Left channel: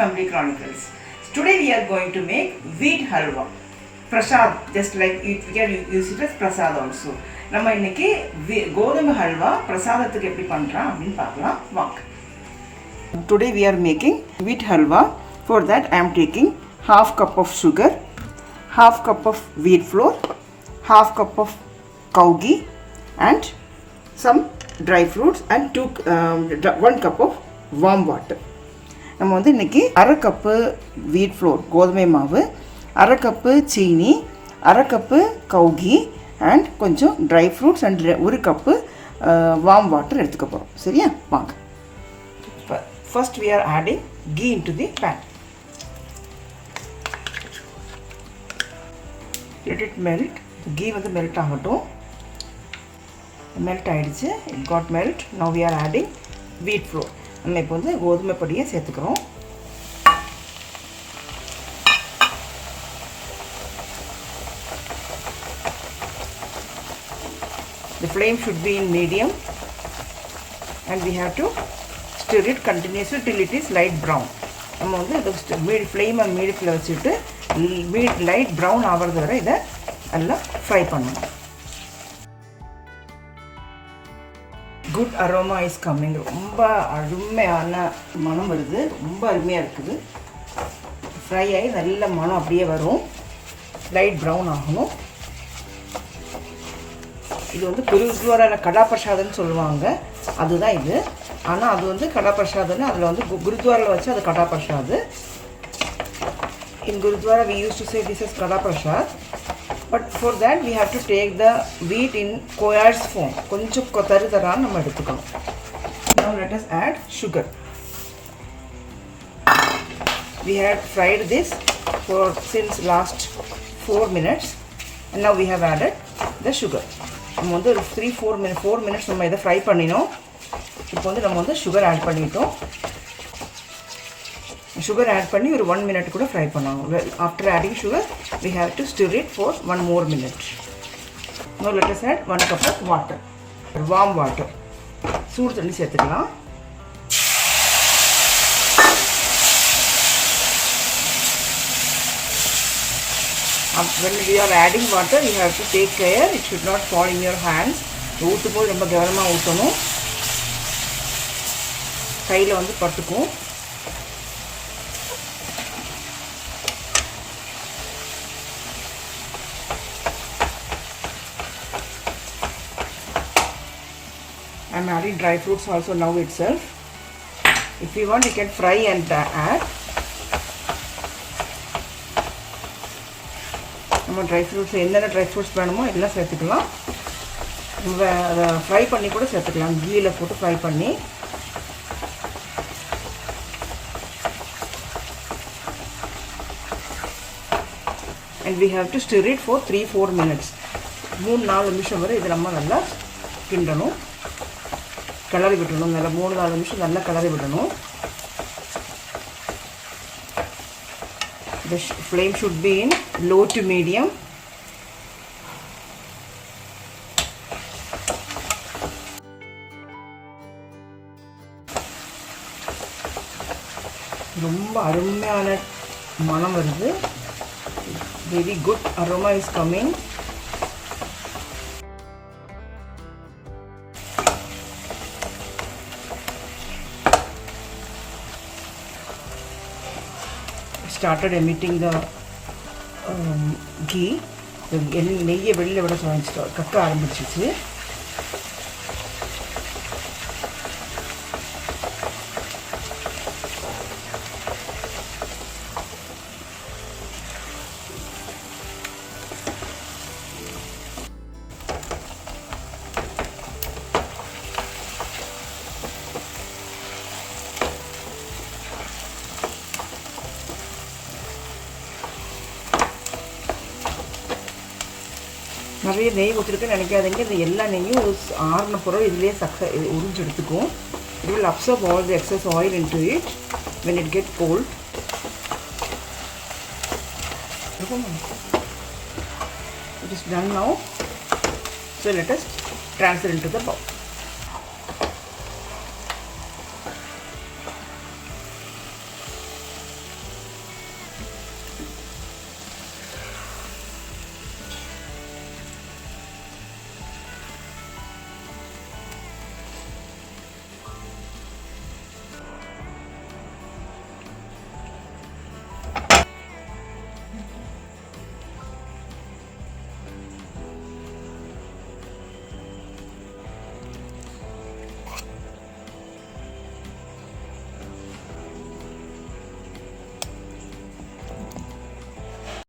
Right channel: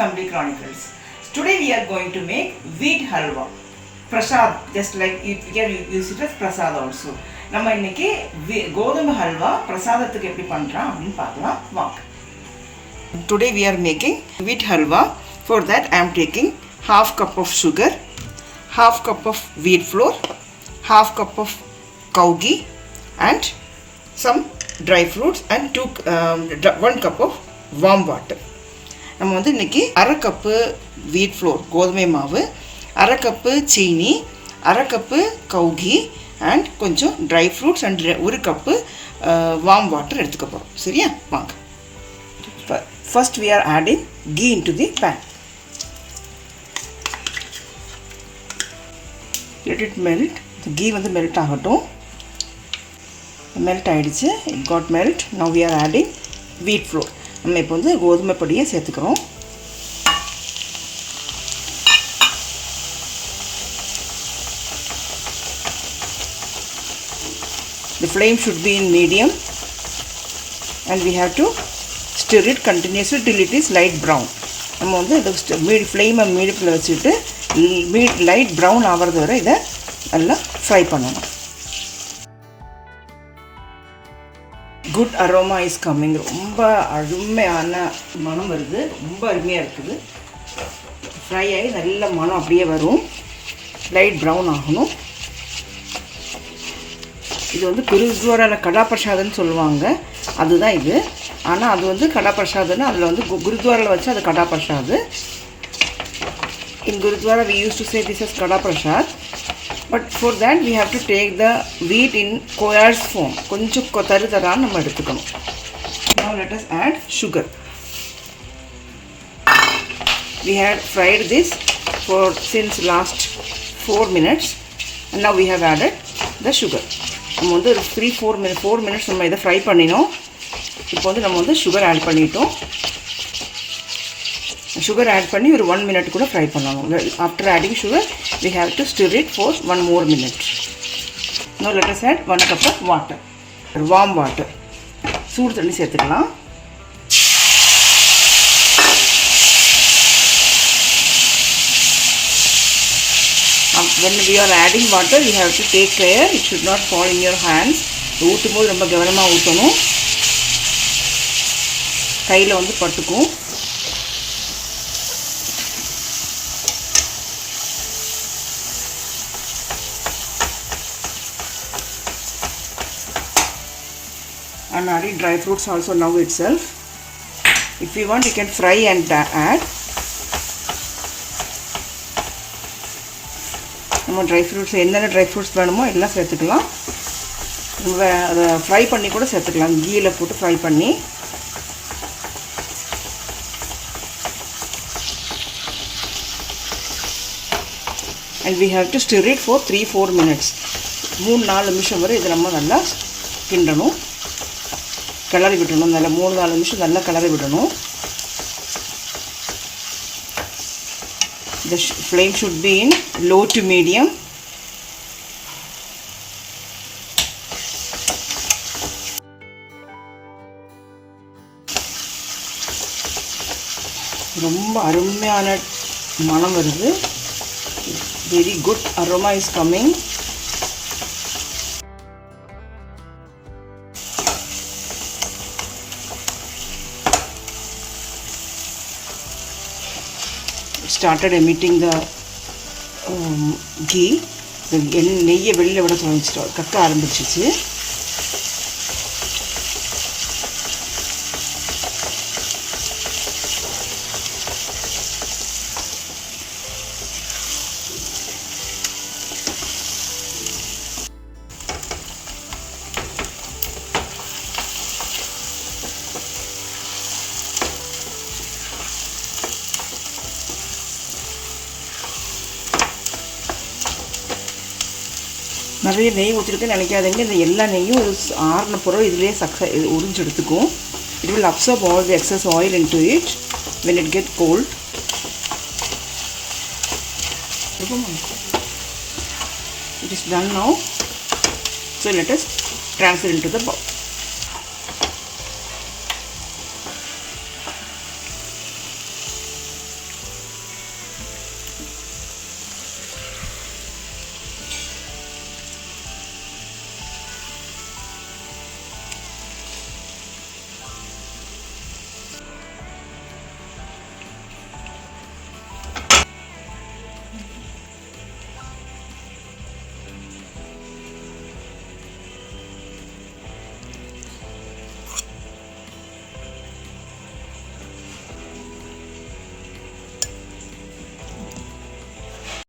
Family Chronicles. Today we are going to make wheat halwa. Prasad, just like we can use it as prasad also. நம்ம இன்னைக்கு கோதுமை ஹல்வா பிரசாதத்துக்கு எப்படி பண்றோம் அப்படினு பார்க்கலாம் வாங்க. Today we are making wheat halwa. For that I am taking half cup of sugar, half cup of wheat flour, half cup of cow ghee and some dry fruits and 1 cup of warm water. நம்ம வந்து இன்றைக்கி அரை கப்பு வீட் ஃப்ளோர் கோதுமை மாவு, அரை கப்பு சீனி, அரை கப்பு கவுகி அண்ட் கொஞ்சம் dry fruits and 1 cup warm water எடுத்துக்க போகிறோம். சரியா, வாங்க. First we are adding ghee into the pan. Let it melt. ghee வந்து மெல்ட் ஆகட்டும். மெல்ட் ஆகிடுச்சு. it got melt. Now we are adding wheat flour. நம்ம இப்போ வந்து கோதுமை பொடியை சேர்த்துக்கிறோம். The flame should be in medium and we have to stir it continuously till it is light brown. நம்ம வந்து இந்த ஃப்ளேமை மீடியத்தில் வச்சுட்டு லைட் ப்ரௌன் ஆகிறது வரை இதை நல்லா ஃப்ரை பண்ணணும். Good aroma is coming. ரொம்ப அருமையான மனம் வருது, ரொம்ப அருமையாக இருக்குது. ஃப்ரை ஆகி நல்ல மனம் அப்படியே வரும், லைட் ப்ரௌன் ஆகணும். இது வந்து குருத்வாரான கடா பிரசாதம்னு சொல்லுவாங்க, அதுதான் இது. ஆனால் அது வந்து கடா பிரசாதம்னு அதில் வந்து குருத்வாராவில் வச்சு அது கடா பிரசாத். இன் gurdwara we used to say this is kada prasad. But for that we have to take the wheat in coarse form. கொஞ்சம் தருதரான்னு நம்ம எடுத்துக்கணும். Now let us add sugar. We had fried this since last 4 minutes and now we have added the sugar. நம்ம வந்து ஒரு 4 minutes நம்ம இதை ஃப்ரை பண்ணினோம். இப்போ வந்து நம்ம வந்து சுகர் ஆட் பண்ணிட்டோம். sugar add பண்ணி ஒரு 1 minute கூட ஃப்ரை பண்ணணும். After adding sugar we have to stir it for 1 more minute. Now let us add 1 cup of water, warm water. சூடு தண்ணி சேர்த்துக்கலாம். When we are adding water you have to take care, it should not fall in your hands. ஊற்றும் போது ரொம்ப கவனமாக ஊற்றணும், கையில் வந்து பட்டுக்கும். I am adding dry fruits also now itself. If you want you can fry and add. நம்ம dry fruits என்னென்ன ட்ரை ஃப்ரூட்ஸ் வேணுமோ எல்லாம் சேர்த்துக்கலாம். அதை ஃப்ரை பண்ணி கூட சேர்த்துக்கலாம், கீயில் போட்டு ஃப்ரை பண்ணி. And we have to stir it for 3-4 minutes. 3-4 நிமிஷம் வரை இது நம்ம நல்லா கிண்டணும், கிளறி விடணும். நல்லா 3-4 நிமிஷம் நல்லா கிளறி விடணும். The flame should be in low to medium. ரொம்ப அருமையான மனம் வருது. Very good aroma is coming. Started emitting the ghee. நெய்யை வெளியில் விட தொடங்கிச்சிட்டோம், கக்க ஆரம்பிச்சிச்சு. நிறைய நெய் ஊற்றிருக்குன்னு நினைக்காதீங்க. இந்த எல்லா நெய்யும் ஒரு ஆறின பிறகு இதிலே உறிஞ்சு எடுத்துக்கும். It will absorb all the excess oil into it when it gets cold. It is done now. So let us transfer into the bowl.